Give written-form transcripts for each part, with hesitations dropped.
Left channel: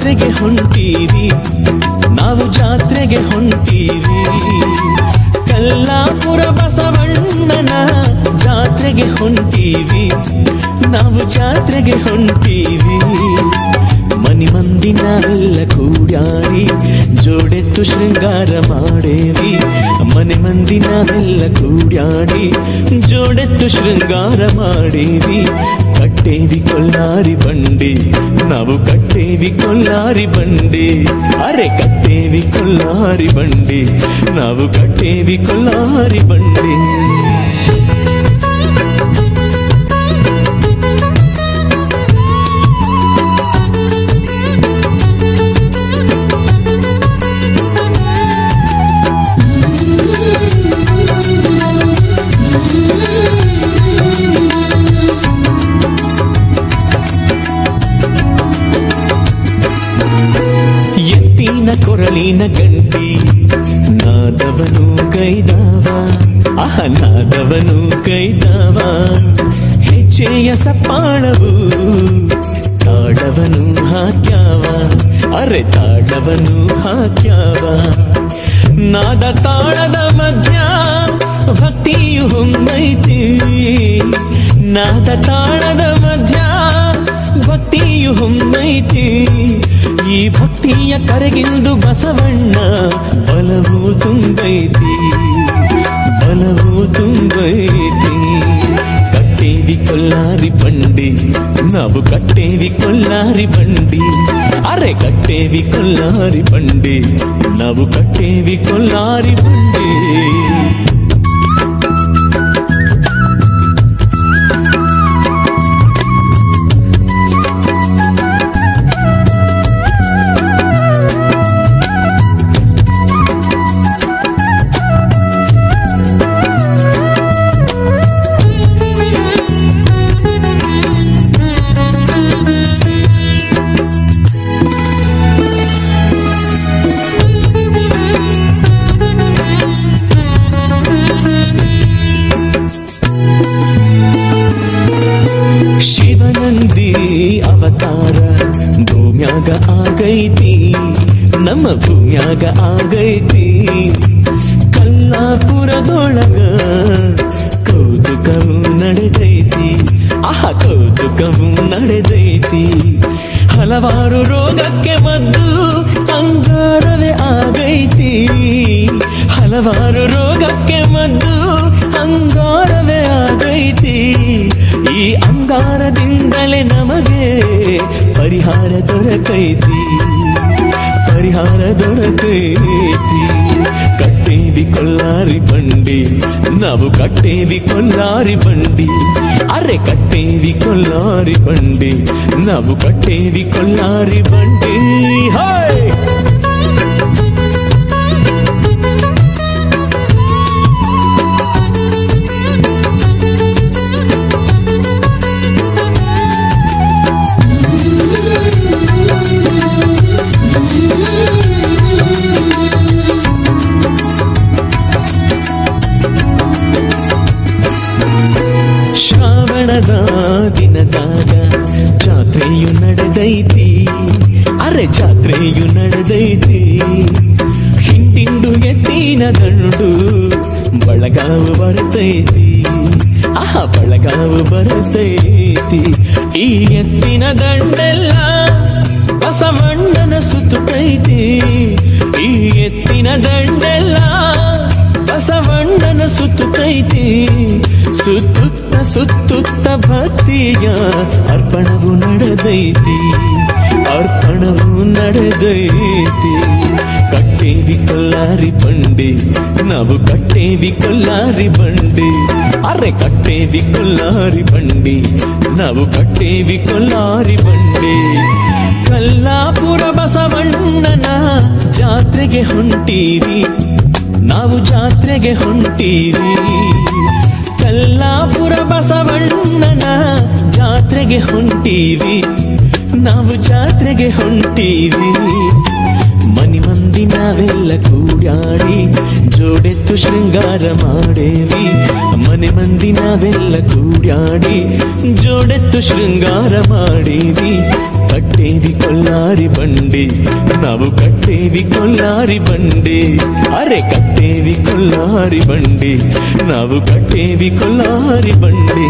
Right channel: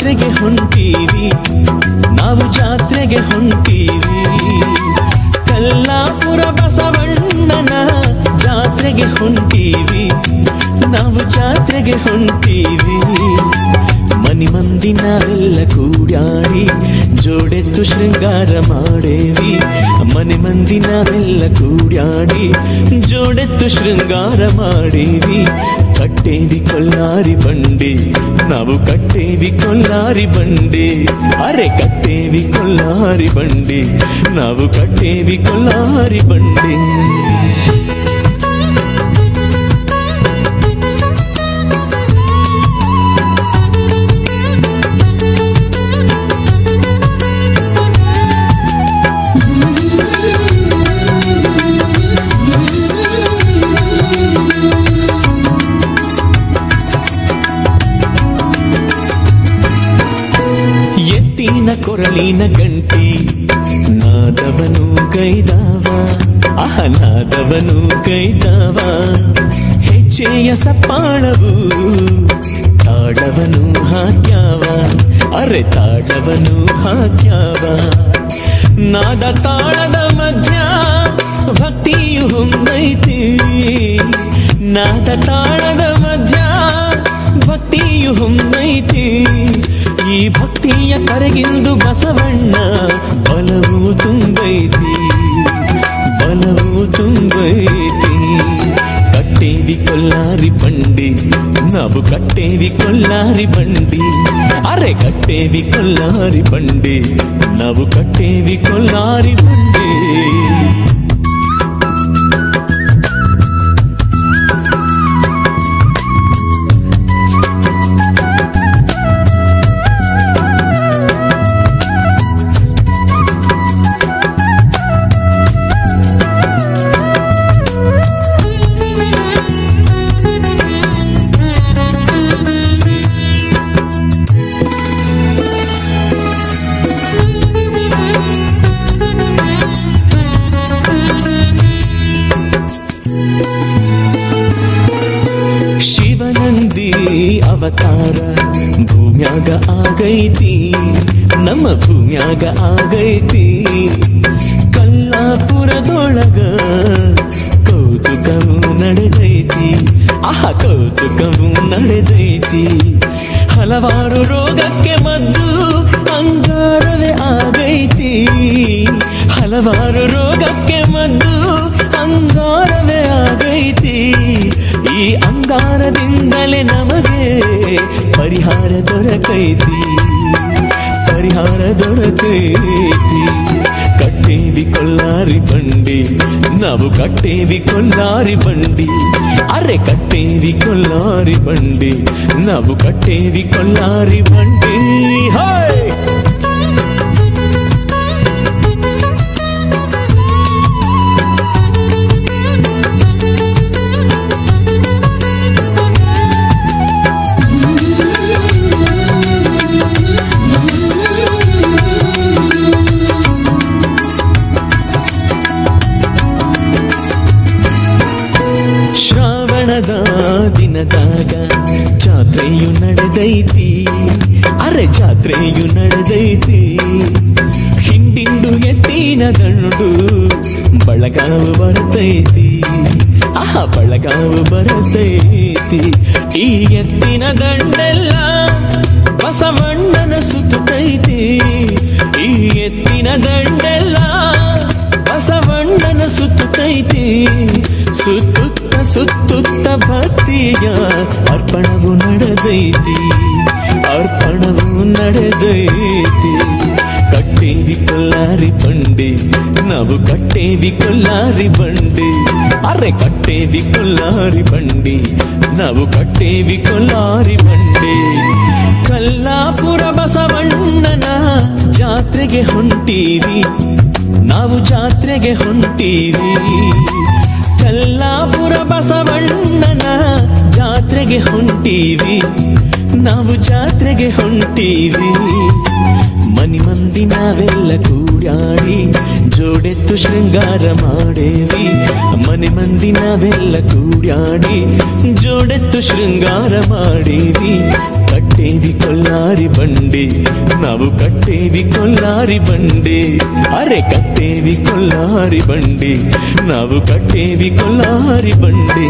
ಜಾತ್ರೆಗೆ ಹೊಂಟೀವಿ, ನಾವು ಜಾತ್ರೆಗೆ ಹೊಂಟೀವಿ. ಕಲ್ಲಾಪುರ ಬಸವಣ್ಣನ ಜಾತ್ರೆಗೆ ಹೊಂಟೀವಿ, ನಾವು ಜಾತ್ರೆಗೆ ಹೊಂಟೀವಿ. ಮನಿ ಮಂದಿ ನಾವೆಲ್ಲ ಕೂಡ್ಯಾಡಿ ಜೋಡೆತ್ತು ಶೃಂಗಾರ ಮಾಡೇವಿ. ಮನೆ ಮಂದಿ ನಾವೆಲ್ಲ ಕೂಡ್ಯಾಡಿ ಜೋಡೆತ್ತು ಶೃಂಗಾರ ಮಾಡೇವಿ. ಕಟ್ಟೇವಿ ಕೊಲ್ಲಾರಿ ಬಂಡಿ, ನಾವು ಕಟ್ಟೇವಿ ಕೊಲ್ಲಾರಿ ಬಂಡಿ. ಅರೆ ಕಟ್ಟೇವಿ ಕೊಲ್ಲಾರಿ ಬಂಡಿ, ನಾವು ಕಟ್ಟೇವಿ ಕೊಲ್ಲಾರಿ ಬಂಡಿ. ಎತ್ತಿನ ಕೊರಳಿನ ಗಂಟಿ ನಾದವನು ಕೈದಾವ, ನಾದವನು ಕೈದಾವ. ಹೆಜ್ಜೆಯ ಸಪ್ಪಾಳವು ತಾಳವನು ಹಾಕ್ಯಾವ, ಅರೆ ತಾಳವನು ಹಾಕ್ಯಾವ. ನಾದ ತಾಳದ ಮಧ್ಯ ಭಕ್ತಿಯು ಹೊಂದೈತಿ, ನಾದ ತಾಳದ ಮಧ್ಯ ಭಕ್ತಿಯು ಹೊಂದೈತಿ. ಈ ಭಕ್ತಿಯ ಕರೆಗಿಂದು ಬಸವಣ್ಣ ಬಲವು ತುಂಬೈತಿ, ಬಲವು ತುಂಬೈತಿ. ಕಟ್ಟೇವಿ ಕೊಲ್ಲಾರಿ ಬಂಡಿ, ನಾವು ಕಟ್ಟೇವಿ ಕೊಲ್ಲಾರಿ ಬಂಡಿ. ಅರೆ ಕಟ್ಟೇವಿ ಕೊಲ್ಲಾರಿ ಬಂಡಿ, ನಾವು ಕಟ್ಟೇವಿ ಕೊಲ್ಲಾರಿ ಬಂಡಿ. ಅವತಾರ ಭೂಮ್ಯಾಗ ಆಗೈತಿ, ನಮ್ಮ ಭೂಮ್ಯಾಗ ಆಗೈತಿ. ಕಲ್ಲಾಪುರದೊಳಗ ಕೌತುಕವು ನಡೆದೈತಿ, ಕೌತುಕವು ನಡೆದೈತಿ. ಹಲವಾರು ರೋಗಕ್ಕೆ ಮದ್ದು ಅಂಗಾರವೇ ಆಗೈತಿ, ಹಲವಾರು ರೋಗಕ್ಕೆ ಮದ್ದು ಅಂಗಾರವೇ ಆಗೈತಿ. ಈ ಅಂಗಾರದಿಂದಲೇ ನಮಗೆ ಪರಿಹಾರ ದೊರಕೈತಿ, ಪರಿಹಾರ ದೊರಕೈತಿ. ಕಟ್ಟೇವಿ ಕೊಲ್ಲಾರಿ ಬಂಡಿ, ನಾವು ಕಟ್ಟೇವಿ ಕೊಲ್ಲಾರಿ ಬಂಡಿ. ಅರೆ ಕಟ್ಟೇವಿ ಕೊಲ್ಲಾರಿ ಬಂಡಿ, ನಾವು ಕಟ್ಟೇವಿ ಕೊಲ್ಲಾರಿ ಬಂಡಿ. ಹಾಯ್ ದಿನದಾಗ ಜಾತ್ರೆಯು ನಡೆದೈತಿ, ಅರೆ ಜಾತ್ರೆಯು ನಡೆದೈತಿ. ಹಿಂಡಿಂಡು ಎತ್ತಿನ ದಂಡು ಬಳಗಾವು ಬರ್ತೈತಿ, ಬಳಗಾವು ಬರ್ತೈತಿ. ಈ ಎತ್ತಿನ ದಂಡೆಲ್ಲ ಬಸವಣ್ಣನ ಸುತ್ತೈತಿ, ಈ ಎತ್ತಿನ ದಂಡೆಲ್ಲ ಬಸವಣ್ಣನ ಸುತ್ತೈತಿ. ಸುತ್ತುತ್ತ ಸುತ್ತುತ್ತ ಭಕ್ತಿಯ ಅರ್ಪಣವು ನಡೆದೈತಿ, ಅರ್ಪಣವು ನಡೆದೈತಿ. ಕಟ್ಟೇವಿ ಕೊಲ್ಲಾರಿ ಬಂಡಿ, ನಾವು ಕಟ್ಟೇವಿ ಕೊಲ್ಲಾರಿ ಬಂಡಿ. ಅರೆ ಕಟ್ಟೇವಿ ಕೊಲ್ಲಾರಿ ಬಂಡಿ, ನಾವು ಕಟ್ಟೇವಿ ಕೊಲ್ಲಾರಿ ಬಂಡಿ. ಕಲ್ಲಾಪುರ ಬಸವಣ್ಣನ ಜಾತ್ರೆಗೆ ಹೊಂಟೀವಿ, ನಾವು ಜಾತ್ರೆಗೆ ಹೊಂಟೀವಿ. ಕಲ್ಲಾಪುರ ಬಸವಣ್ಣನ ಜಾತ್ರೆಗೆ ಹೊಂಟೀವಿ, ನಾವು ಜಾತ್ರೆಗೆ ಹೊಂಟೀವಿ. ಮನಿ ಮಂದಿ ನಾವೆಲ್ಲ ಕೂಡ್ಯಾಡಿ ಜೋಡೆತ್ತು ಶೃಂಗಾರ ಮಾಡೇವಿ ಮನೆ ಮಂದಿ ನಾವೆಲ್ಲ ಕೂಡ್ಯಾಡಿ ಜೋಡೆತ್ತು ಶೃಂಗಾರ ಮಾಡೇವಿ ಕಟ್ಟೇವಿ ಕೊಲ್ಲಾರಿ ಬಂಡಿ ನಾವು ಕಟ್ಟೇವಿ ಕೊಲ್ಲಾರಿ ಬಂಡಿ ಅರೆ ಕಟ್ಟೇವಿ ಕೊಲ್ಲಾರಿ ಬಂಡಿ ನಾವು ಕಟ್ಟೇವಿ ಕೊಲ್ಲಾರಿ ಬಂಡಿ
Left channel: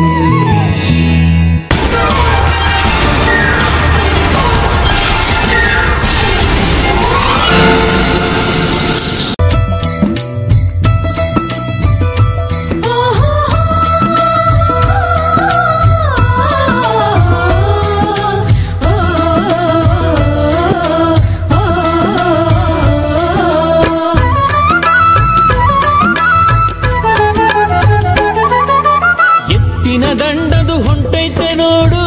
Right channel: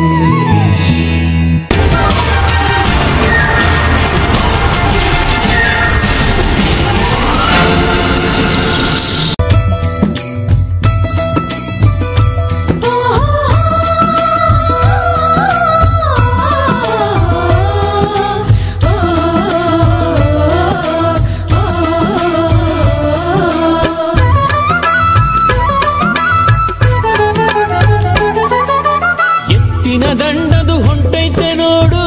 ದಂಡದು ಹೊಂಟೈತೆ ನೋಡು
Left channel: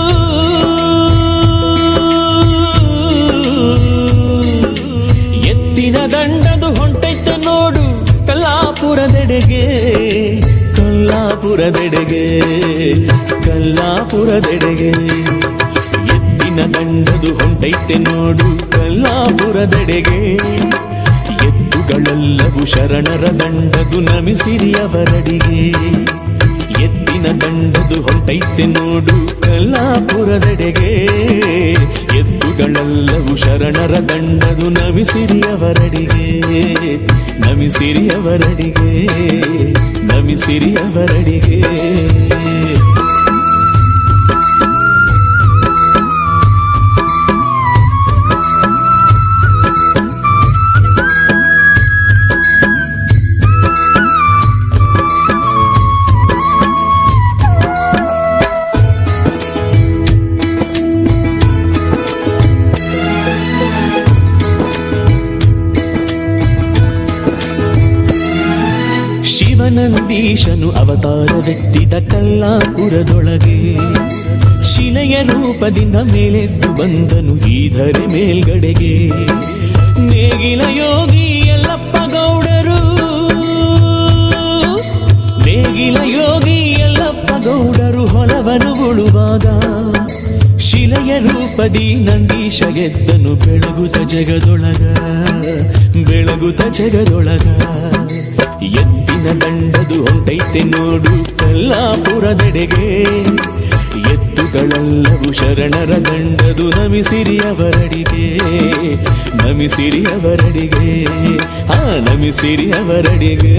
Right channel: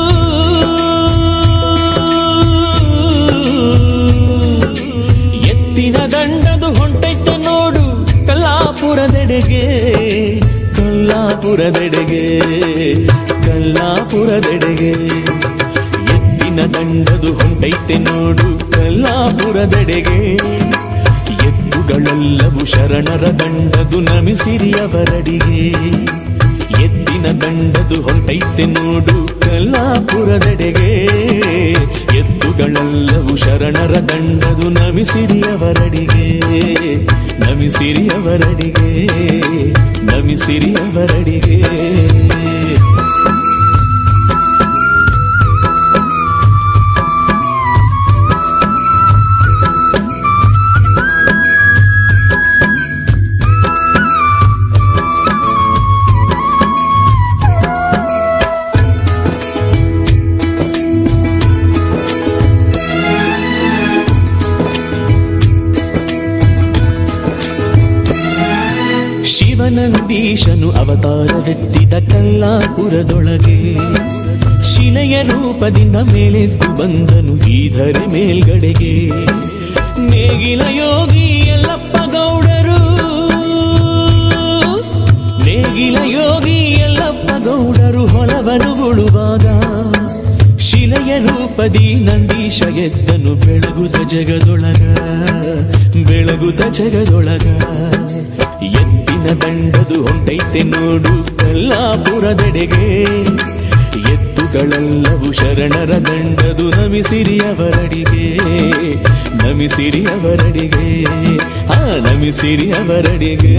ಎತ್ತಿನ ದಂಡದು ಹೊಂಟೈತೆ ನೋಡು ಕಲ್ಲಾಪುರದೆಡೆಗೆ ಕಲ್ಲಾಪುರದೆಡೆಗೆ ಕಲ್ಲಾಪುರದೆಡೆಗೆ ಎತ್ತಿನ ದಂಡದು ಹೊಂಟೈತೆ ನೋಡು ಕಲ್ಲಾಪುರದೆಡೆಗೆ ಎತ್ತುಗಳೆಲ್ಲವೂ ಶರಣರ ದಂಡದು ನಮಿಸಿರಿ ಅವರಡಿಗೆ ಎತ್ತಿನ ದಂಡದು ಹೊಂಟೈತೆ ನೋಡು ಕಲ್ಲಾಪುರದೆಡೆಗೆ ಎತ್ತುಗಳೆಲ್ಲವೂ ಶರಣರ ದಂಡದು ನಮಿಸಿರಿ ಅವರಡಿಗೆ ನಮಿಸಿರಿ ಅವರಡಿಗೆ ನಮಿಸಿರಿ ಅವರಡಿಗೆ ಶಿವನಂದೀಶನು ಅವತಾರವೆತ್ತಿದ ಕಲ್ಲಾಪುರದೊಳಗೆ ಶಿಲೆಯ ರೂಪದಿಂದ ಮೇಲೆದ್ದು ಬಂದನು ಈ ಧರೆ ಮೇಲ್ಗಡೆಗೆ ನೇಗಿಲ ಯೋಗಿ ಯಲ್ಲಪ್ಪ ಗೌಡರು ನೇಗಿಲ ಯೋಗಿ ಯಲ್ಲಪ್ಪ ಗೌಡರು ಹೊಲವನ್ನು ಉಳುವಾಗ ಶಿಲೆಯ ರೂಪದಿ ನಂದೀಶ ಎದ್ದನು ಬೆಳಗುತ್ತ ಜಗದೊಳಗ ಬೆಳಗುತ್ತ ಜಗದೊಳಗ ಎತ್ತಿನ ದಂಡದು ಹೊಂಟೈತೆ ನೋಡು ಕಲ್ಲಾಪುರದೆಡೆಗೆ ಎತ್ತುಗಳೆಲ್ಲವೂ ಶರಣರ ದಂಡದು ನಮಿಸಿರಿ ಅವರಡಿಗೆ ನಮಿಸಿರಿ ಅವರಡಿಗೆ ನಮಿಸಿರಿ ಅವರಡಿಗೆ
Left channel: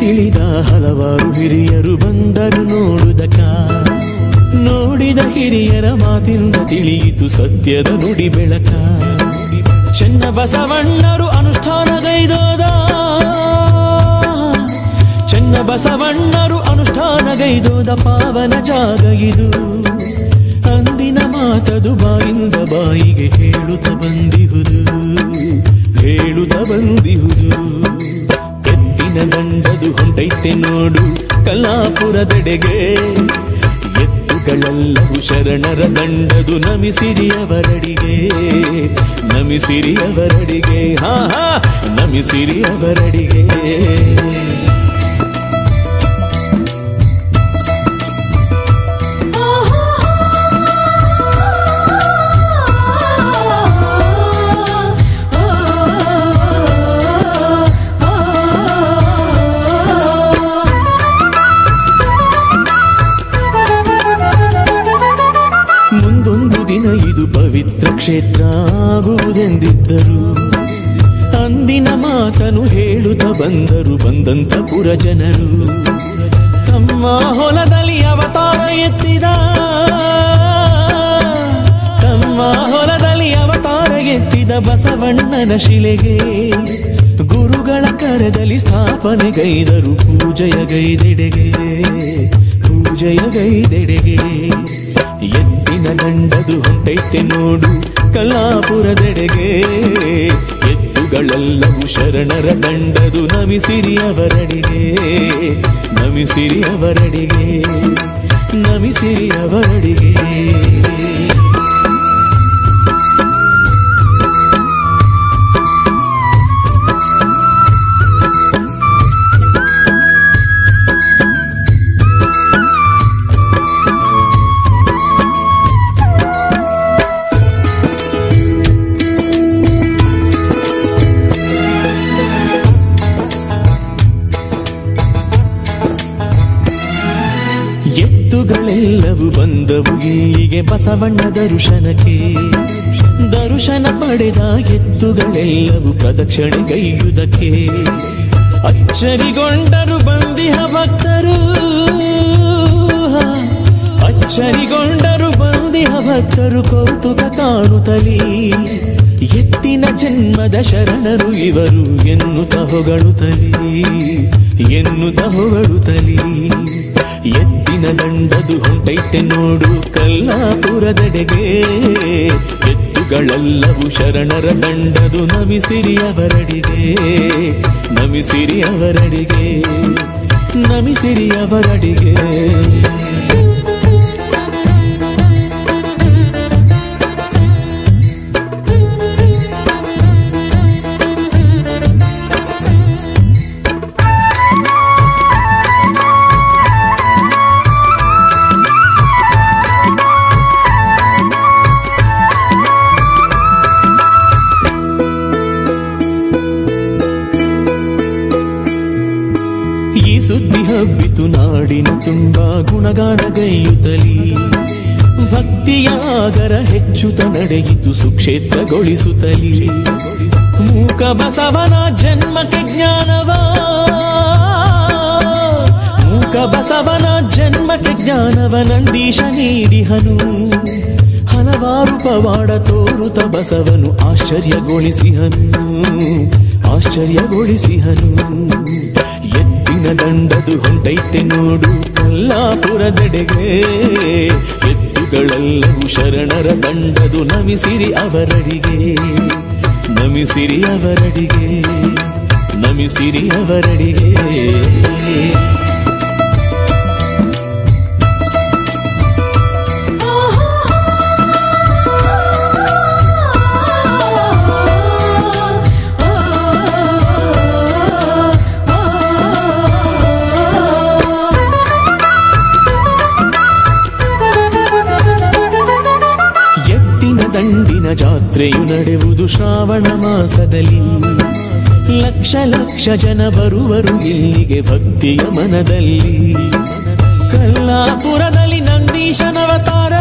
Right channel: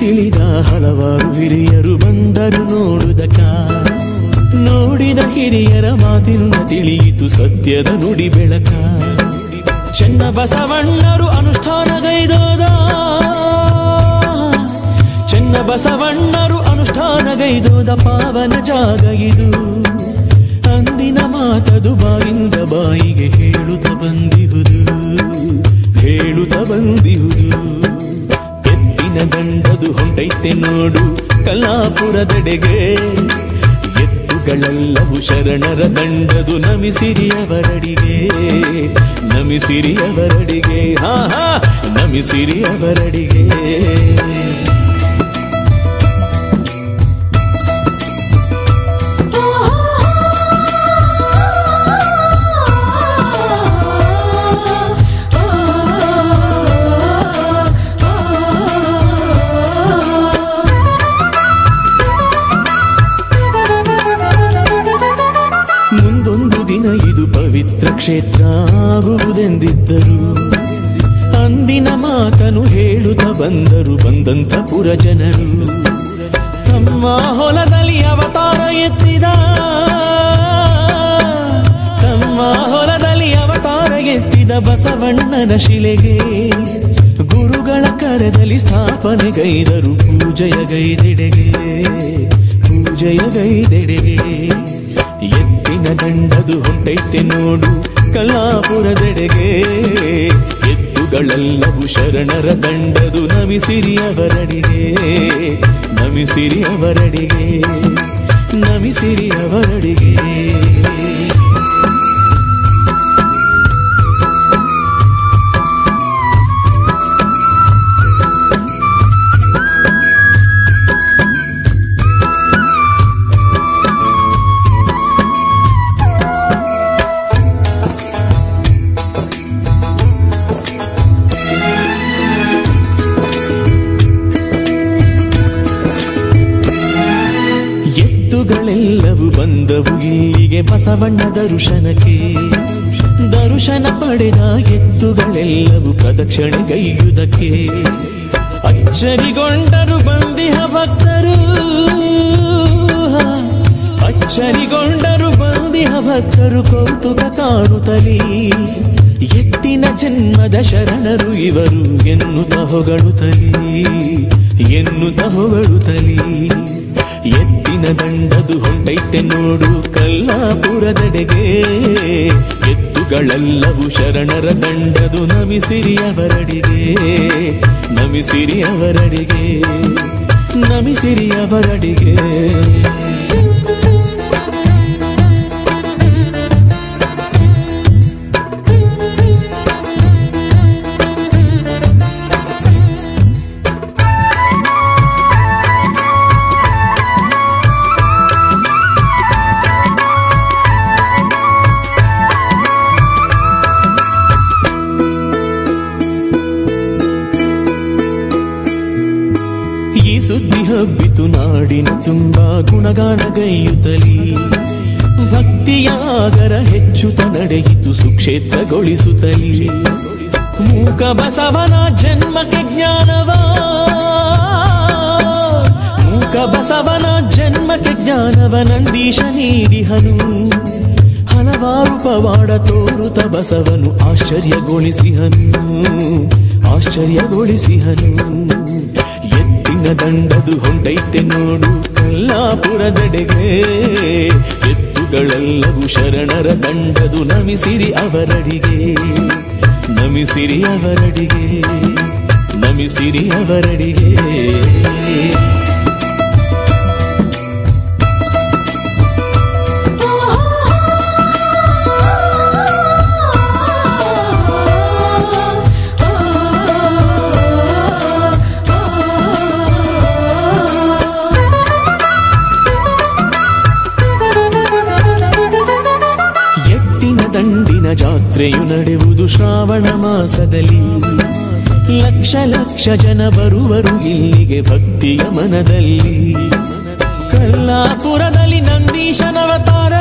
ತಿಳಿದ ಹಲವಾರು ಹಿರಿಯರು ಬಂದರು ನೋಡುದಕ ನೋಡಿದ ಹಿರಿಯರ ಮಾತಿನಿಂದ ತಿಳಿಯಿತು ಸತ್ಯದ ನುಡಿ ಬೆಳಕ ಚೆನ್ನ ಬಸವಣ್ಣರು ಅನುಷ್ಠಾನಗೈದೋದ ಚೆನ್ನ ಬಸವಣ್ಣರು ಅನುಷ್ಠಾನಗೈದೋದ ಪಾವನ ಜಾಗ ಇದು ಅಂದಿನ ಮಾತದು ಬಾಯಿಂದ ಬಾಯಿಗೆ ಹೇಳುತ್ತ ಬಂದಿಹುದು ಹೇಳುತ್ತ ಬಂದಿಹುದು ಎತ್ತಿನ ದಂಡದು ಹೊಂಟೈತೆ ನೋಡು ಕಲ್ಲಾಪುರದೆಡೆಗೆ ಎತ್ತುಗಳೆಲ್ಲವೂ ಶರಣರ ದಂಡದು ನಮಿಸಿರಿ ಅವರಡಿಗೆ ನಮಿಸಿರಿ ಅವರಡಿಗೆ ನಮಿಸಿರಿ ಅವರಡಿಗೆ ಮುಂದೊಂದು ದಿನ ಇದು ಪವಿತ್ರ ಕ್ಷೇತ್ರ ಆಗುವುದೆಂದಿದ್ದರು ಅಂದಿನ ಮಾತನು ಹೇಳುತ್ತ ಬಂದರು ಬಂದಂತ ಪುರ ಜನರು ತಮ್ಮ ಹೊಲದಲ್ಲಿ ಅವತಾರ ಎತ್ತಿದ ತಮ್ಮ ಹೊಲದಲ್ಲಿ ಅವತಾರ ಎತ್ತಿದ ಬಸವಣ್ಣನ ಶಿಲೆಗೆ ಗುರುಗಳ ಕರದಲ್ಲಿ ಸ್ಥಾಪನೆಗೈದರು ಪೂಜೆಯ ಗೈದೆಡೆಗೆ ಪೂಜೆಯ ಗೈದೆಡೆಗೆ ಎತ್ತಿನ ದಂಡದು ಹೊಂಟೈತೆ ನೋಡು ಕಲ್ಲಾಪುರದೆಡೆಗೆ ಎತ್ತು ಎತ್ತುಗಳೆಲ್ಲವೂ ಶರಣರ ದಂಡದು ನಮಿಸಿರಿ ಅವರಡಿಗೆ ನಮಿಸಿರಿ ಅವರಡಿಗೆ ನಮಿಸಿರಿ ಅವರಡಿಗೆ. ಎತ್ತುಗಳೆಲ್ಲವೂ ಬಂದವು ಇಲ್ಲಿಗೆ ಬಸವಣ್ಣ ದರ್ಶನಕ್ಕೆ. ದರ್ಶನ ಪಡೆದ ಎತ್ತುಗಳೆಲ್ಲವೂ ಪ್ರದಕ್ಷಿಣೆಗೈಯುವುದಕ್ಕೆ. ಅಚ್ಚರಿಗೊಂಡರು ಬಂದಿಹ ಭಕ್ತರು, ಅಚ್ಚರಿಗೊಂಡರು ಬಂದಿಹ ಭಕ್ತರು ಕೌತುಕ ಕಾಣುತ್ತಲೀ. ಎತ್ತಿನ ಜನ್ಮದ ಶರಣರು ಇವರು ಎನ್ನುತ್ತ ಹೊಗಳುತ್ತಲೀ ಎನ್ನುತ್ತ ಹೊಗಳುತ್ತಲೀ. ಎತ್ತಿನ ದಂಡದು ಹೊಂಟೈತೆ ನೋಡು ಕಲ್ಲಾಪುರದೆಡೆಗೆ. ಎತ್ತುಗಳೆಲ್ಲವೂ ಶರಣರ ದಂಡದು ನಮಿಸಿರಿ ಅವರಡಿಗೆ ನಮಿಸಿರಿ ಅವರಡಿಗೆ ನಮಿಸಿರಿ ಅವರಡಿಗೆ. ಈ ಸುದ್ದಿ ಹಬ್ಬಿತು ನಾಡಿನ ತುಂಬ ಗುಣಗಾನಗೈಯುತ್ತಲೀ. ಭಕ್ತಿಯ ಆಗರ ಹೆಚ್ಚುತ್ತ ನಡೆಯಿತು ಸುಕ್ಷೇತ್ರಗೊಳಿಸುತ್ತಲೀ. ಮೂಕ ಬಸವನ ಜನ್ಮಕ್ಕೆ ಜ್ಞಾನವ, ಮೂಕ ಬಸವನ ಜನ್ಮಕ್ಕೆ ಜ್ಞಾನವ ನಂದೀಶ ನೀಡಿಹನು. ಹಲವಾರು ಪವಾಡ ತೋರುತ ಬಸವನು ಆಶ್ಚರ್ಯಗೊಳಿಸಿಹನು ಆಶ್ಚರ್ಯಗೊಳಿಸಿಹನು. ಎತ್ತಿನ ದಂಡದು ಹೊಂಟೈತೆ ನೋಡು ಕಲ್ಲಾಪುರದೆಡೆಗೆ. ಎತ್ತುಗಳೆಲ್ಲವೂ ಶರಣರ ದಂಡದು ನಮಿಸಿರಿ ಅವರಡಿಗೆ ನಮಿಸಿರಿ ಅವರಡಿಗೆ ನಮಿಸಿರಿ ಅವರಡಿಗೆ. ದಂಡಿನ ಜಾತ್ರೆಯು ನಡೆಯುವುದು ಶ್ರಾವಣ ಮಾಸದಲ್ಲಿ. ಲಕ್ಷ ಲಕ್ಷ ಜನ ಬರುವರು ಇಲ್ಲಿಗೆ ಭಕ್ತಿಯ ಮನದಲ್ಲಿ. ಕಲ್ಲಾಪುರದಲ್ಲಿ ನಂದೀಶನವತಾರ,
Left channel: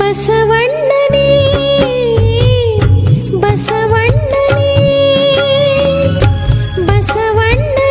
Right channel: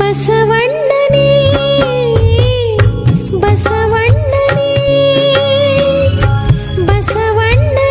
ಬಸವಣ್ಣನೇ ಬಸವಣ್ಣನೇ ಬಸವಣ್ಣನೇ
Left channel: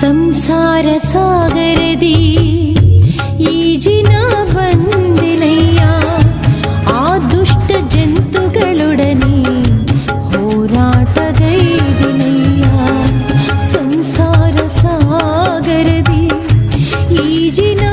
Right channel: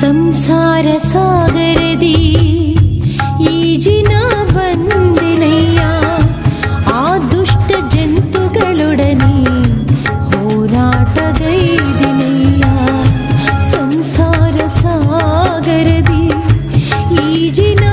ಸಂಸಾರ ಸಾಗರದಿ ಈಜಿನ ಬಂದೆನಯ್ಯ, ಆ ದುಷ್ಟ ಜಂತುಗಳೊಡನೆ ಹೋರಾಟಗೈದೆನಯ್ಯ. ಸಂಸಾರ ಸಾಗರದಿ ಈಜಿನ